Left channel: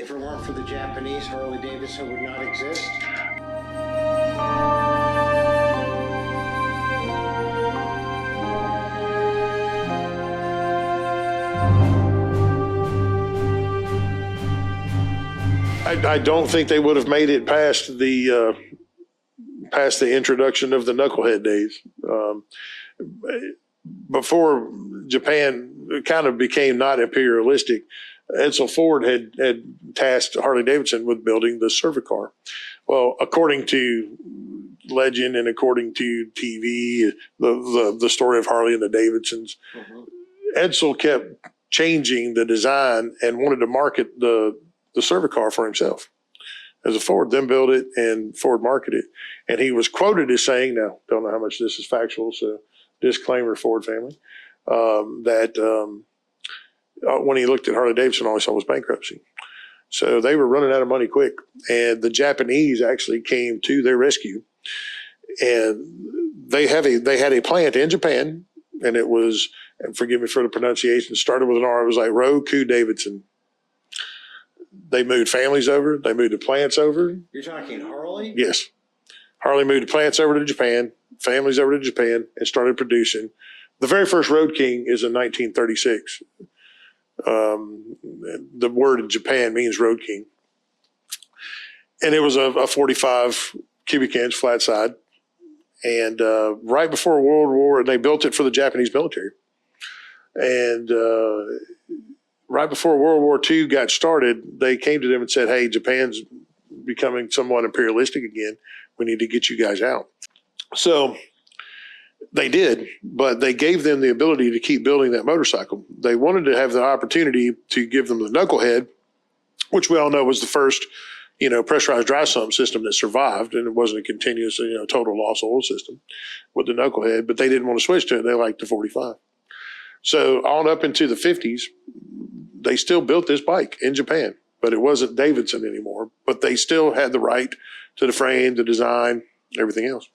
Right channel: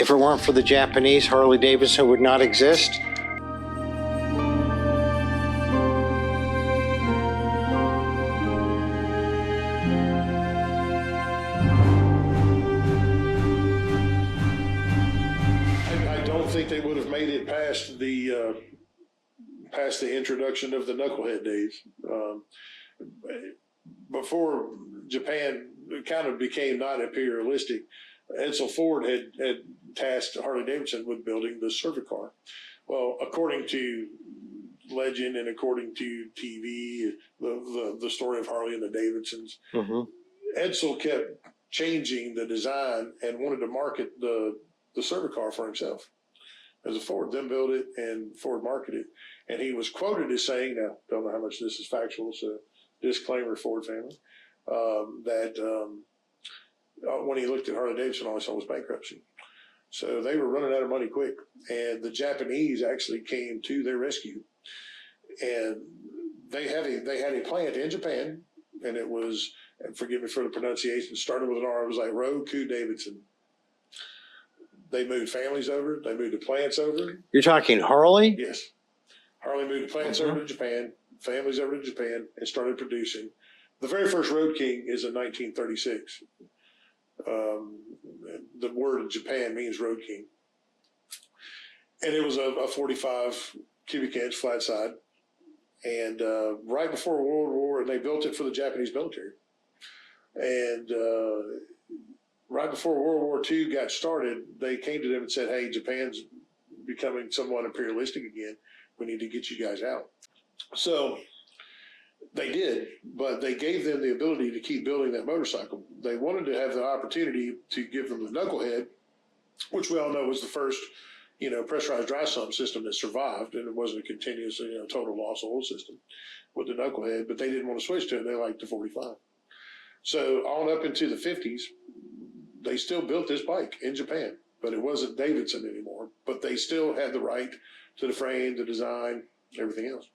If it weren't for the Japanese, Harley-Davidson would not exist? I don't think they would have made it past the introduction of the knucklehead days. Before Japan kind of became not imperialistic, Edsel Ford had tasked Harley-Davidson with building the Servi-car. Well, according to legend and according to TV, the story of Harley and the Davidsons, Edsel kept changing the design and wanted to market the Servi-car for himself as a Ford, then build it and Ford market it. And he was quoted as saying, now don't know how much this is factual, so disclaimer, Ford family, that when he looked at Harley-Davidson, all he saw was bankruptcy. So they were running out of money quick. And the Japanese actually came to their rescue. And they had a plant in Japan, and it was, and forgive me for the pronunciation, started with an R, it was like Rikuo. They moved families over. They moved the plants over. You're talking Harley? Yes. Harley moved the plants over to Japan, families over to Japan, and started producing. The very first Road King is in 1936. The word in Japan means Road King. And it was a 45 cubic inch flat side. And right before World War, they built it for the Japanese military. And right before World War II got started, they came to them and said, hey, Japan's becoming somewhat imperialistic again. We need to get you guys out. So they did, but they gave them the ability to keep building that motorcycle. They wanted to have the opportunity to give them the knucklehead, which we all know was the first, pressurized dry sump system that survived, and it wasn't a continuous, total loss oil system with the knucklehead, but they didn't want to switch to it. They liked the 45. So on up into the 50s, they still built this bike in Japan, but it wasn't Davidson anymore. But they still had the right to the frame, the design, everything else.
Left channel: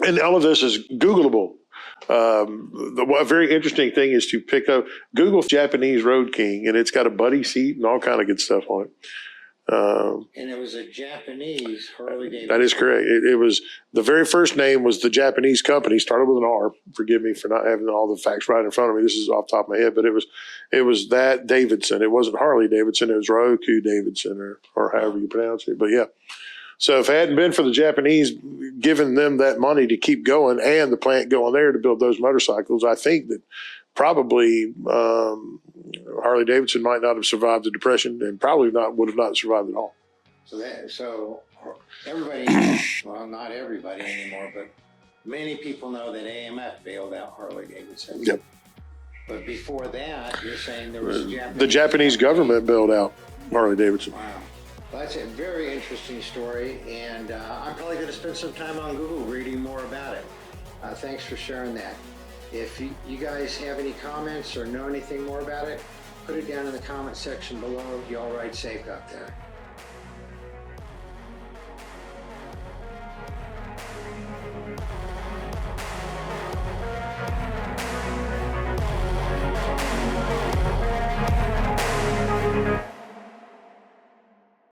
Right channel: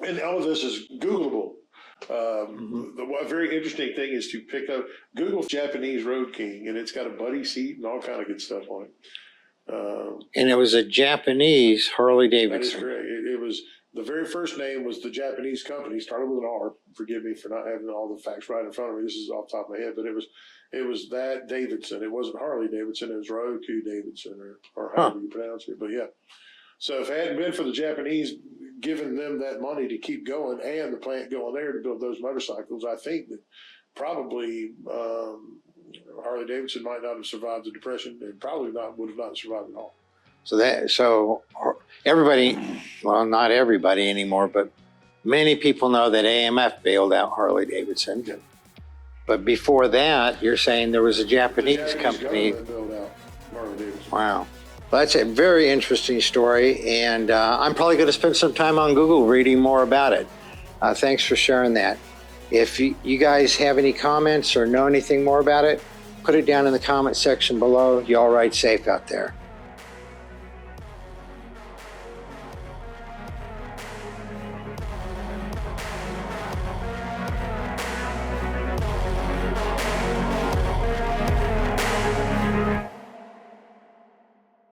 And all of this is Googleable. A very interesting thing is to pick up, Google Japanese Road King, and it's got a buddy seat and all kind of good stuff on it. And it was a Japanese Harley-Davidson. That is correct. It was, the very first name was the Japanese company, started with an R. Forgive me for not having all the facts right in front of me. This is off the top of my head, but it was that Davidson. It wasn't Harley-Davidson. It was Rikuo or however you pronounce it. But yeah. So if it hadn't been for the Japanese giving them that money to keep going and the plant going there to build those motorcycles, I think that probably Harley-Davidson might not have survived the Depression, and probably would have not survived at all. So everybody, well, not everybody anymore, but many people know that AMF bailed out Harley-Davidson. Yep. But before that, you're saying there was a Japanese The Japanese company. government bailed out Harley-Davidson. Wow. Well, that's a very interesting story, and I'm probably going to spend some time on Google reading more about it. Thanks for sharing that. If you guys have any comments or know anything more about it, put it down in the comment section below. You all ride safe out there.